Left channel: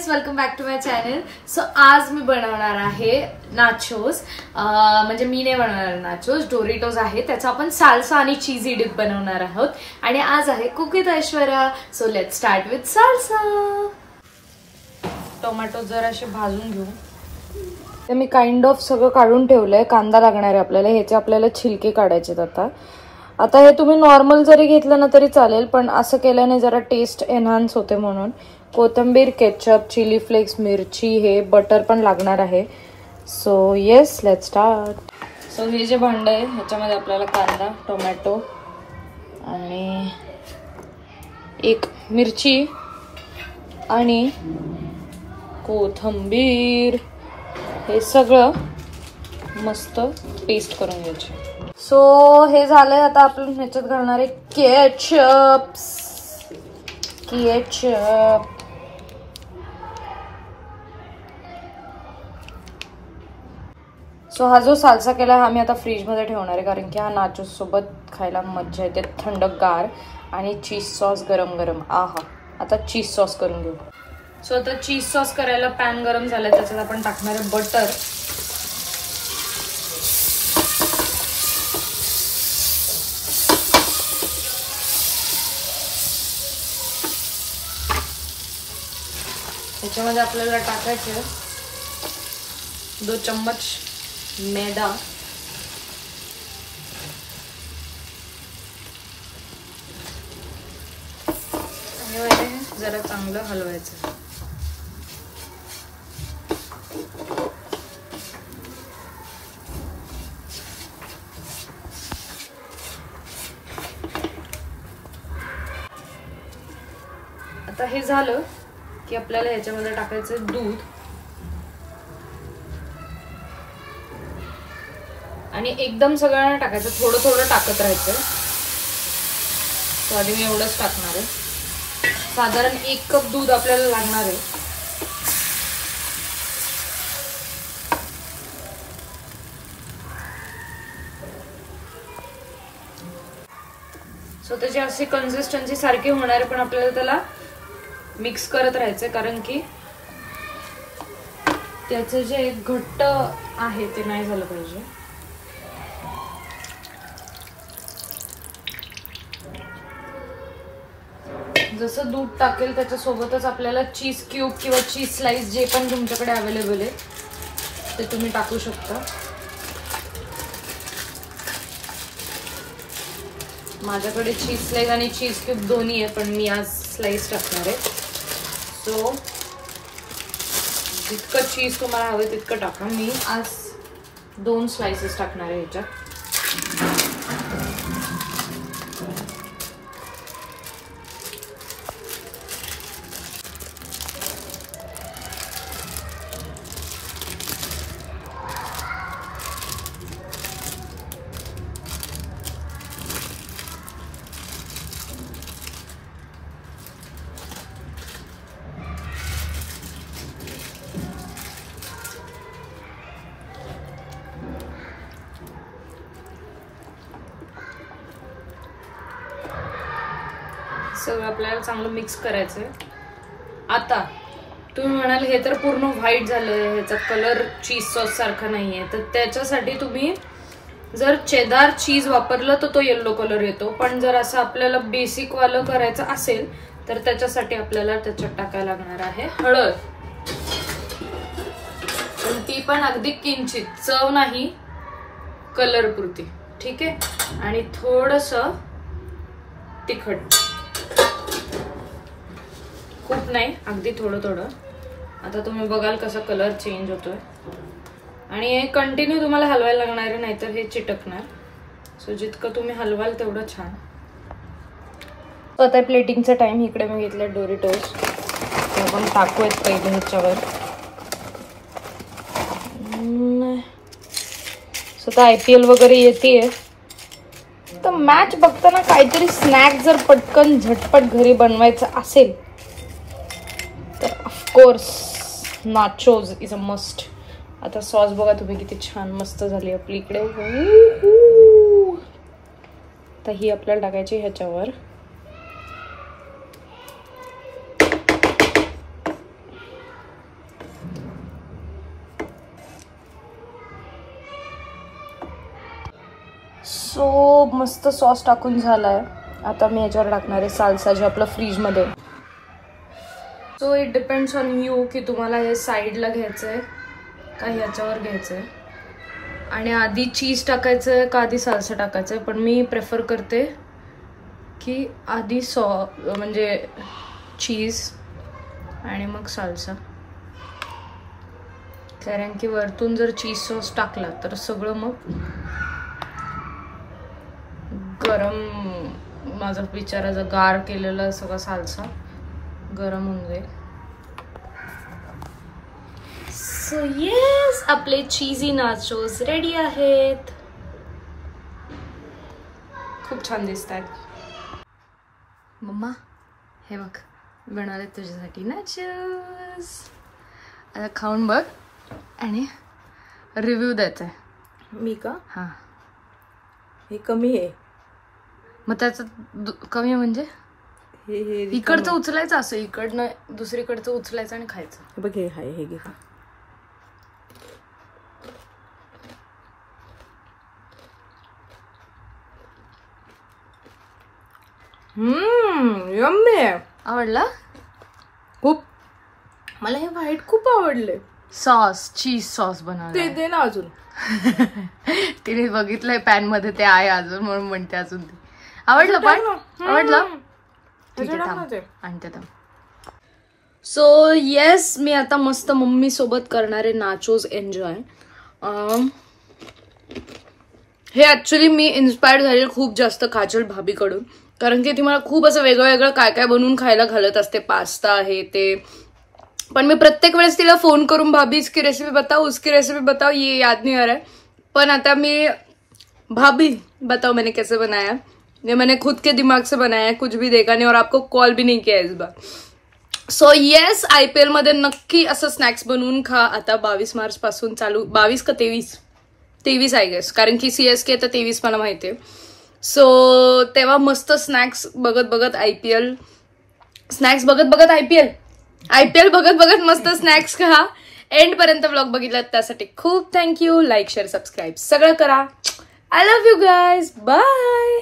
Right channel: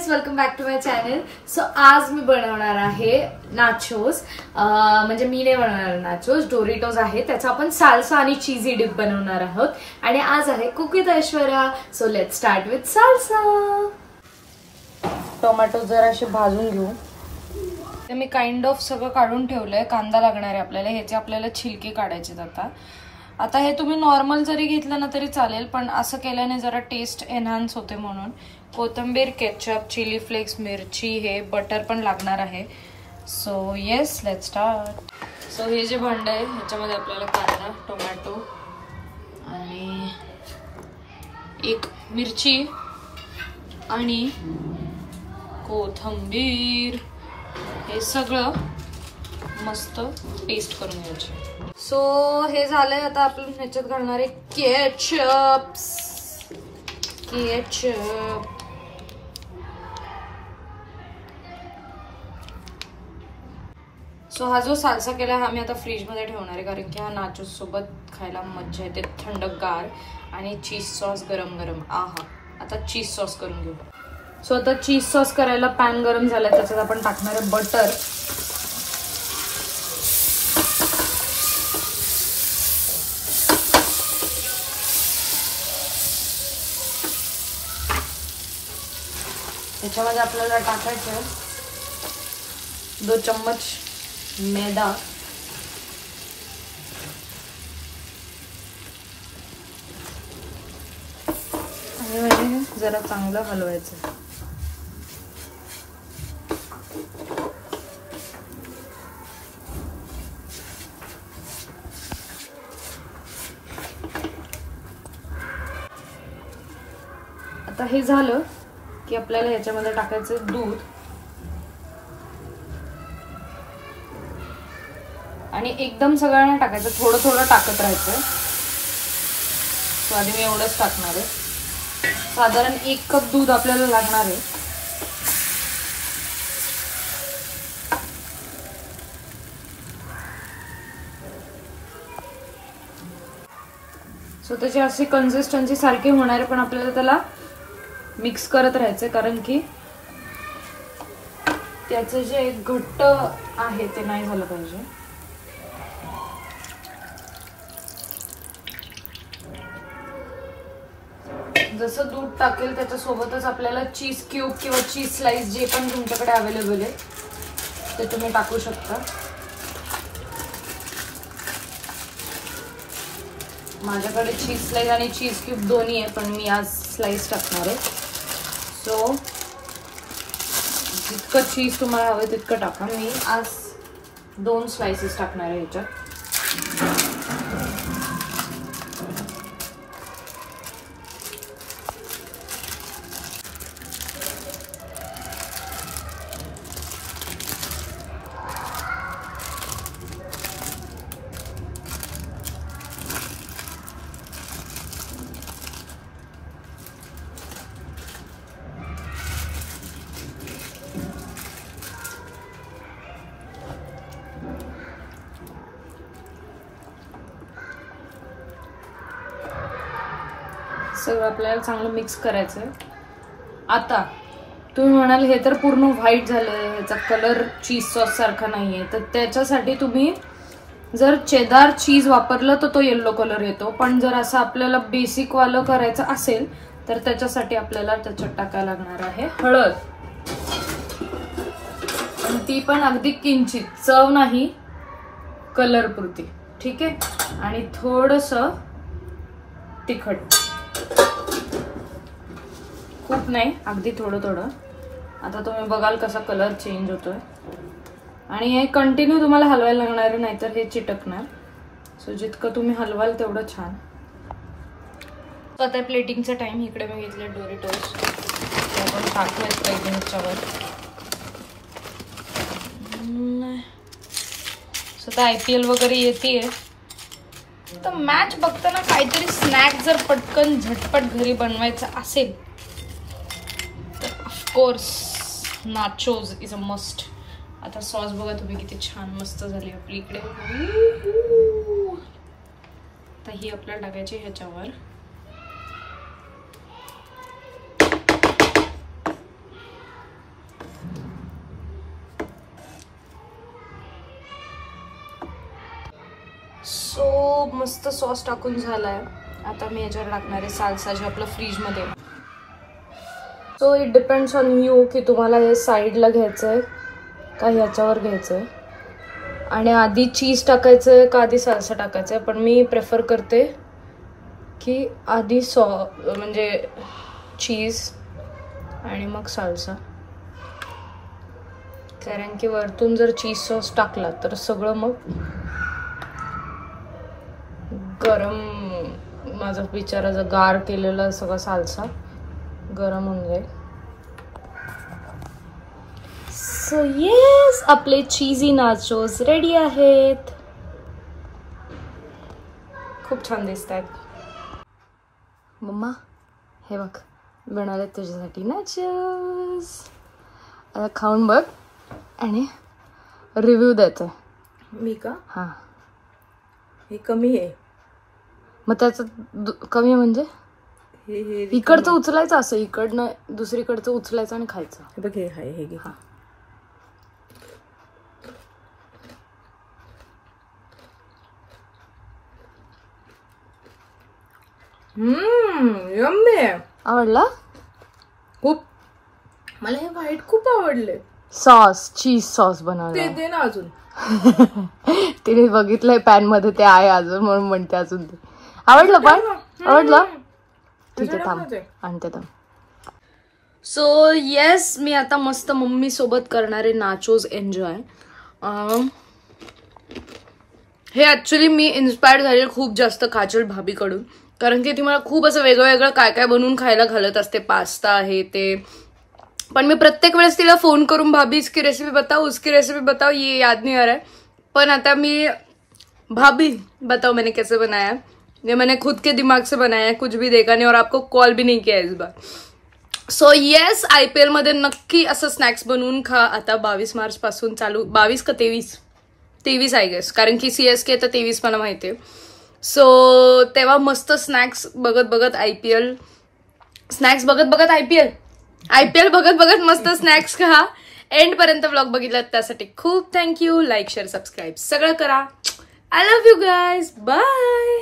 Guys, welcome back to my channel. So आज मी बनवणार आहे नाचोस. म्हणजे मी नाही बनवणार नाचोस, डोरिटोस आहे. त्याचा आपण साल्सा आणि चीजी डिप बनवणार आहोत. आणि आज आहे cook with Aishwarya. So let's start with salsa. Tomato जराशी भाजून घेऊ. तर मी काइंड ऑफ सगळं काढून ठेवलंय. कांदा लागणार आहे आपल्याला. ह्याचे आपल्याला छिलके काढायचे. आता हे तुम्ही नॉर्मल जरी घेतलं ना तरी चालेल, पण असं केल्याने जरा टेस्ट एनहान्स होते म्हणून. कोथिंबीर, केचप, चिली फ्लेक्स, मिरची, हे बटर पण लागणार आहे. So yes, let's start. So हे जे भांड आहे ह्याच्यामध्ये आपल्याला कांदा, टोमॅटो आणि एक मिरची आणि कोथिंबीर हे सगळं मस्त पेस्ट करून घ्यायचे. सो हे झालंय. आता आपण ह्याच्यात घालणार आहे केचप. सो हा जो साल्सा केला हा मी आता फ्रीज मध्ये ठेवणार आहे, कारण की हा नाचोस सोबत खायला मज्जा येते. थंडगार आणि चीज सॉस गरम गरम. आहा. आता चीज सॉस करून घेऊ. सो आता चीज सॉस करायला पॅन गरम झालाय. त्याच्यात आपण टाकणार आहे बटर. त्याच्यामध्ये आपल्याला टाकायचं 2 चम्मच मैदा. आणि जरा चांगलं हलवायचं. आता हे झालं की आपल्याला ह्याच्यामध्ये टाकायचं दूध. आणि एकदम सगळ्यांना टाकायचं, थोडं थोडं टाकत राहायचं. आधी मी एवढंच टाकणार आहे. साधारण 1 कप दूध आपल्याला लागणार आहे. सो त्याची अशी कन्सिस्टन्सी सारखी होणार आहे, पण आपल्याला त्याला मिक्स करत राहायचं, कारण की त्याचं जे घट्ट आहे ते नाही झालं पाहिजे. जसं दूध टाकेल त्याच्यासोबतच आपल्याला चीज क्यूब किंवा चीज स्लाइस जे पण तुमच्याकडे अवेलेबल आहे ते तुम्ही टाकू शकता. माझ्याकडे चीज स्लाइस आणि चीज क्यूब दोन्ही आहे, पण मी आज स्लाइस टाकणार आहे. सो जितकं चीज तुम्हाला हवं तितकं टाका. मी आज 2 स्लाइसेस टाकणार आहे ह्याच्यात. सगळं आपल्याला चांगलं मिक्स करायचंय. आता तुम्ही म्हणाल हे तर पूर्ण व्हाईट झालंय, ह्याचा कलर चीज सॉस सारखा नाहीये, तर त्याच्यासाठी तुम्ही जर चेदार चीज वापरलं तर तो येलो कलर येतो. पण जर असं आपल्याला बेसिक वालं करायचं असेल तर त्याच्यासाठी आपल्याला त्याच्यात टाकायला लागणार आहे हळद. ती पण अगदी किंचित, चव नाही, कलर पुरती. ठीक आहे. आणि थोडस तिखट, खूप नाही, अगदी थोडं थोडं. आता तुम्ही बघाल कसा कलर चेंज होतोय. आणि हे कंटिन्यू तुम्हाला हलवायला लागणार आहे, नाहीतर हे चिटकणार. सो जितकं तुम्ही हलवाल तेवढं छान. आता प्लेटिंगचा टाइम. इकडे मी घेतले डोरिटोस. ते आपण टाकूयात पहिले ह्याच्यावर. आता IPL वगैरे येतेय तर मॅच बघताना काहीतरी स्नॅक जर पटकन झटपट घरी बनवायचं असेल तर of course nachos is a must. आता सॉस बघा तुम्ही किती छान मस्त झाली आपली इकडे. तर ही आपल्याला टाकायची ह्याच्यावर. सो मस्त सॉस टाकून झालाय. आता मी याच्यावर टाकणार आहे साल्सा जे आपलं फ्रीजमध्ये. So it depends on you की तुम्हाला हे साईडला घ्यायचं आहे का ह्याच्यावर घ्यायचं आहे, आणि आधी चीज टाकायचं आहे का आधी साल्सा टाकायचं आहे. पण मी प्रेफर करते की आधी म्हणजे चीज आणि मग साल्सा, कारण की वरतून जर चीज सॉस टाकला तर सगळं मग गरम, माझं बिचाराचं गार केलेलं सगळं साल्सा गरम होऊन जाईल. सो येस, आपले चीजी नाचोस रेडी आहेत. खूप छान दिसत आहेत. मम्मा हे बघ बनवले तुझ्यासाठी नाचोस. आता खाऊन बघ आणि रिव्ह्यू द्यायचा आहे. मी का? हां. हे कमी आहे. मग त्याचं कमी आहे म्हणजे हे इकडचं उचलायचं, असं इकडनं दुसरीकडचं उचलायचं आणि खायचं. हे बघ, हे आहे, हे घे. यम्मी. आवडला खूप. मला हे व्हाईट खूप आवडले. सॉस, चीज सॉस बनवलं ते दे ना अजून. तिने बघितलंय पॅन मध्ये ते आहे अजून, म्हणून म्हणते अजून. ते आवडलं पण आवडलं. ठीक आहे, थांब आणते थांब. सो येस, मी आता मस्त मम्मी सोबत करणारे नाचोज एन्जॉय. हे ऍक्च्युली मी इन्स्पायर्ड झाले खूप जास्त काजल भाभीकडून, कारण की ती मला खूप असं वेगळं वेगळं काय काय बनवून खायला घालत असते, पास्ता हे ते. पण मी प्रत्येक वेळेस तिला फोन करून भाभी इसकी रेसिपी बताओ, उसकी रेसिपी बताओ, ये याद नहीं आ रहा है. पण आता मी भाभी बताओ मैंने कैसे बनाया, ये मैंने खुद के दिमाग से बनाया है, कुछ भी देखा नहीं और आपको कॉल भी नहीं किया इस बार. सो येस, IPL मध्ये नक्की असं स्नॅक्स बनवून खा. आता 22 मार्च पासून चालू, 22 का 23 आय गेस, कारण की CSK तर 23 मला माहितीये. सो तेव्हा मस्त स्नॅक्स बघत बघत IPL बघत बघत मस्त स्नॅक्स खा. एंड पर्यंत ब्लॉग बघितला त्यासाठी खूप थँक्यू. लाईक, शेअर, सबस्क्राईब सगळं करा. I love you guys. Bye.